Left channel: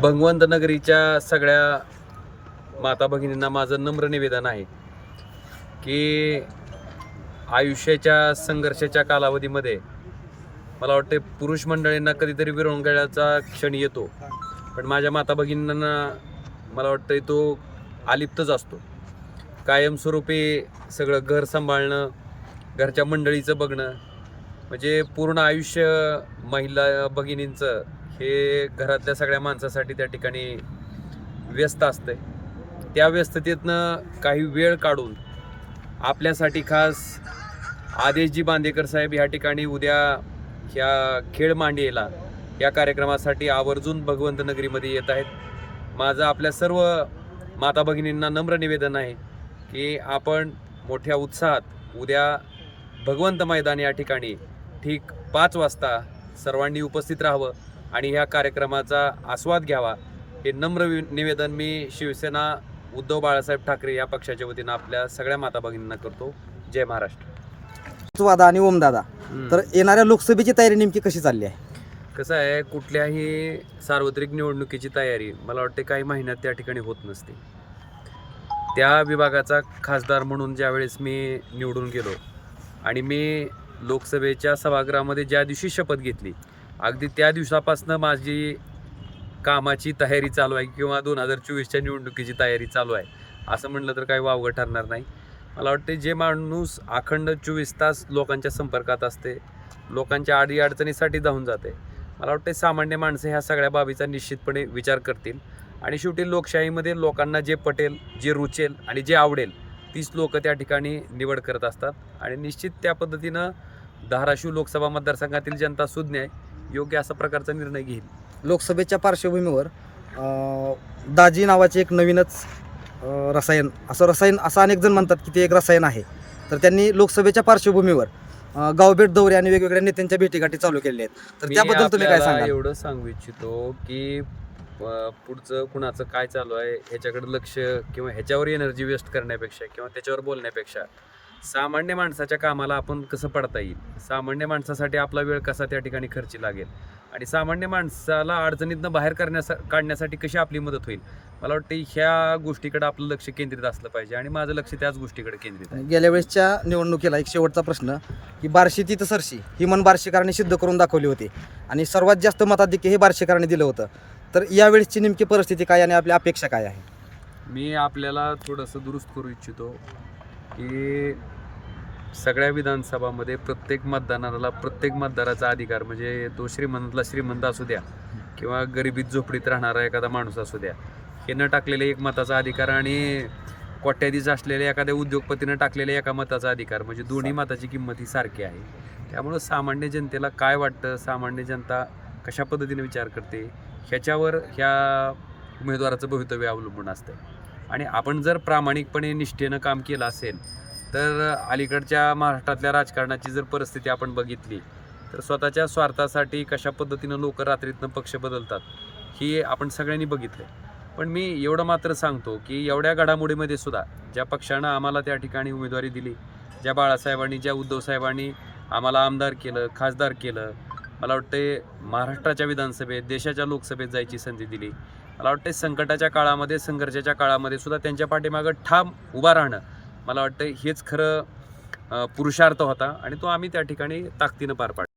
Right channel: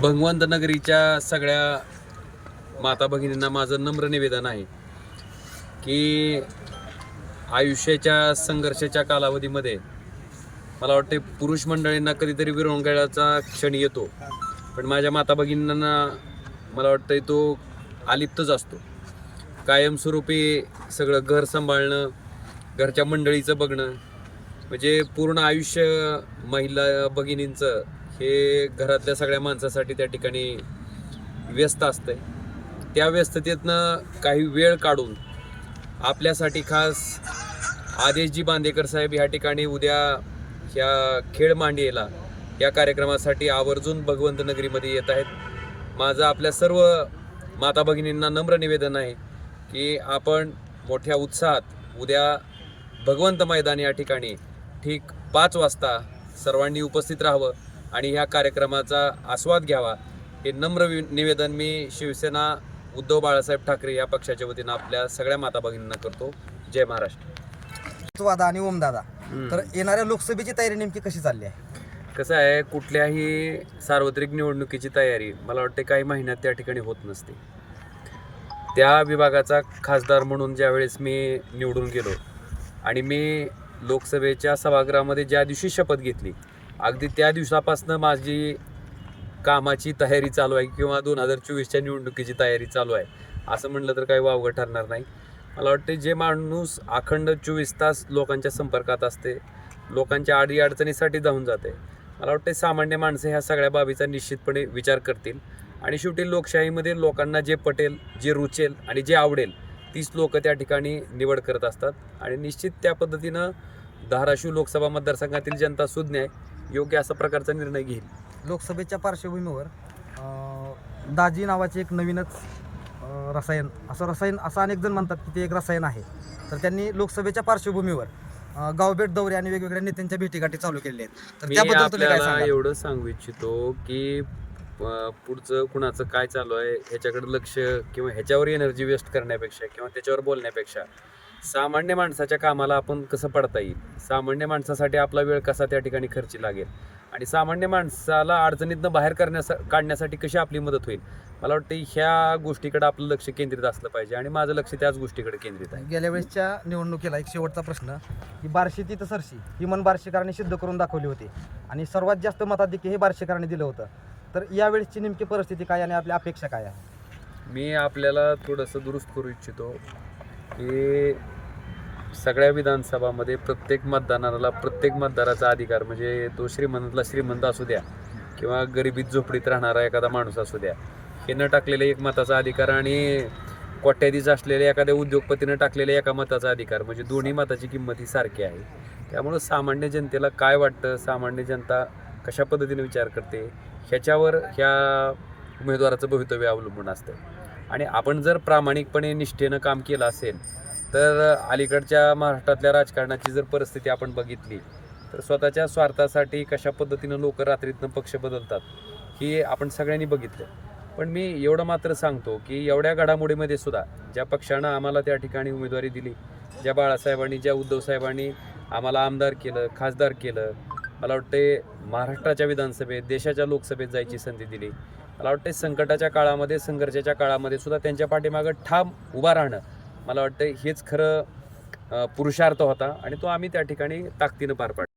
भगवंत नगरीच्या सगळ्या माता भगिनींना माझं नम्र निवेदन आहे की आयुष्याच्या संघर्षाच्या कालावधीमध्ये मला वाटते पुरुष मंडळींना कधीतरी विरंगुळ्याचा क्षण येतो. पण माझ्या माता भगिनींना मला वाटतं तो आलिप्तच असतो. कायमस्वरूपी सगळं घर सांभाळणं घरच्या मंडळीचं बघणं म्हणजे पूर्ण आयुष्य महिला भगिनींचं हे घरातल्या सगळ्या माणसासाठी त्या ठिकाणी व्यस्त असतंय. त्या व्यस्ततेतनं काही वेळ काढून आपल्यासाठी खास आदेशजी बांदेकर साहेब ह्या ठिकाणी उद्या ह्या खेळ मांडियेला या कार्यक्रमासाठी आवर्जून भगवंत नगरीमध्ये येत आहेत. माझं आपल्या सर्व माता भगिनींना नम्र निवेदन आहे की आपण मोठ्या उत्साहात उद्या भगवंत मैदान या ठिकाणी ठीक पाच वाजता सर्वांनी उपस्थित राहावं आणि ह्या कार्यक्रमाचा आस्वाद घ्यावा हे नम्र निवेदन मी शिवसेना उद्धव बाळासाहेब ठाकरे या पक्षाच्या वतीनं आपल्या सगळ्या माता भगिनींना करतो. जय महाराष्ट्र. दादा आणि ओमदादा. तर येणाऱ्या लोकसभेची तयारी नेमकी कशी चालली आहे? कसं आहे कुठल्याही सार्वत्रिक निवडणुकीची तयारी मला वाटते काही महिन्यात त्या ठिकाणी होत नसते. त्या विभागाचा खासदार म्हणून ज्यावेळेस मी निवडून गेलो आणि मी लोकसभेच्या सभागृहामध्ये ज्या दिवशी शपथ घेतली अगदी त्या दिवसापासून माझी कामाची तयारी चालू आहे किंवा दोन हजार चोवीसच्या निवडणुकीची तयारी चालू आहे असं म्हणलं तर काही वावगं ठरणार नाही. मला वाटते जे माणूस अखंड चोवीस तास लोकांच्या संपर्कात असते लोकांच्या आडी अडचणीसाठी जाऊन जाते मला वाटते सामान्य माणसं ह्या सगळ्या बाबीचा निश्चितपणे विचार करतील. आणि शेवटी लोकशाहीमध्ये लोकांना जे पटेल जे रुचेल आणि जे आवडेल तीच लोक त्या ठिकाणी निवड करत असतात. आणि निश्चित त्या पद्धतीनं धाराशिव लोकसभा मतदारसंघातील जनता सुज्ञ आहे. योग्य असा प्रकारचा निर्णय घेईल. लोकसभेच्या पार्श्वभूमीवर दाजी नावाचे एक नवीनच रसायन असं रसायन असं अनेक जण म्हणतात की ते एक रसायन आहे. तर त्यांनी लोकसभेच्या पार्श्वभूमीवर गावभेट दौरे आणि वेगवेगळ्या नेत्यांच्या भेटीगाठी चालू केलेल्या आहेत. तर त्याबद्दल? एवढं सांगू इच्छितो की पुढचं कुणाचं काय चालू आहे ह्याच्याकडे लक्ष किंवा ह्याच्यावर एनर्जी वेस्ट करण्यापेक्षा किंवा त्याच्यावर बोलण्यापेक्षा सामान्य माणसाच्या कामाला आपण कसं पडता येईल? सामान्य माणसासाठी आपला वेळ कसा त्या ठिकाणी खर्ची लागेल? आणि सामान्य माणसाला अडचणीतनं बाहेर करण्यासा काढण्यासाठी कशी आपली मदत होईल? मला वाटतं ह्या गोष्टीकडे आपलं लक्ष केंद्रित असलं पाहिजे आणि माझं लक्ष त्याच गोष्टीकडे केंद्रित आहे. गेल्या वेळेसच्या निवडणुकीला एक शेवटचा प्रश्न की बार्शी ती सरशी ही मन बार्शीकरांनी सिद्ध करून दाखवली होती. आणि सर्वात जास्त मताधिक्य हे बार्शीकरांनी दिलं होतं. तर यावेळेसची नेमकी परिस्थिती काय आणि आपली अपेक्षा काय आहे? मी आपल्याला थोडंसं दुरुस्त करू इच्छितो की सगळ्या विधानसभामध्ये प्रत्येक मतदानाला प्रत्येक मतदाराचा अधिकार म्हणजे तो श्रीमंतला श्रीमंत असू द्या किंवा गरिबीत झोपडीत राहणारा एखादा माणूस असू द्या हे न टाकलेले एक मताचा अधिकार आणि कोट्याधीश असलेल्या एखाद्या उद्योगपतीनं टाकलेल्या एका मताचा अधिकार म्हणजे दोन्ही मताची किंमत ही सारखी आहे. त्यामुळं सामान्य जनतेला काय वाटतं? सामान्य जनता कशा पद्धतीने विचार करते ह्याच्यावर ह्या उमेदवाराचं भवितव्य अवलंबून असतं आणि आपण जर प्रामाणिकपणे निष्ठेनं काम केलं असेल तर अलीकडच्या महाराष्ट्रातल्या राजकारणाची जर परिस्थिती आपण बघितली तर स्वतःच्या स्वार्थासाठी कशा पद्धतीनं लोक रात्रीतनं पक्ष बदलतात ही आपण सगळ्यांनी बघितले पण मी एवढं मात्र सांगतो की एवढ्या घडामोडीमध्ये सुद्धा ज्या पक्षानं आम्हाला त्या ठिकाणी उमेदवारी दिली ज्या बाळासाहेबांनी ज्या उद्धवसाहेबांनी आम्हाला आमदार केलं खासदार केलं मला वाटते महाराष्ट्राच्या विधानसभेत देशाच्या लोकसभेत जायची संधी दिली. मला वाटते संकटाच्या काळामध्ये संघर्षाच्या काळामध्ये सुद्धा त्यांच्या पाठीमागं ठाम उभा राहणं मला वाटतं हेच खरं पुरुषार्थ होता आणि तो आम्ही त्या ठिकाणी ताकदीनं पार पाडला.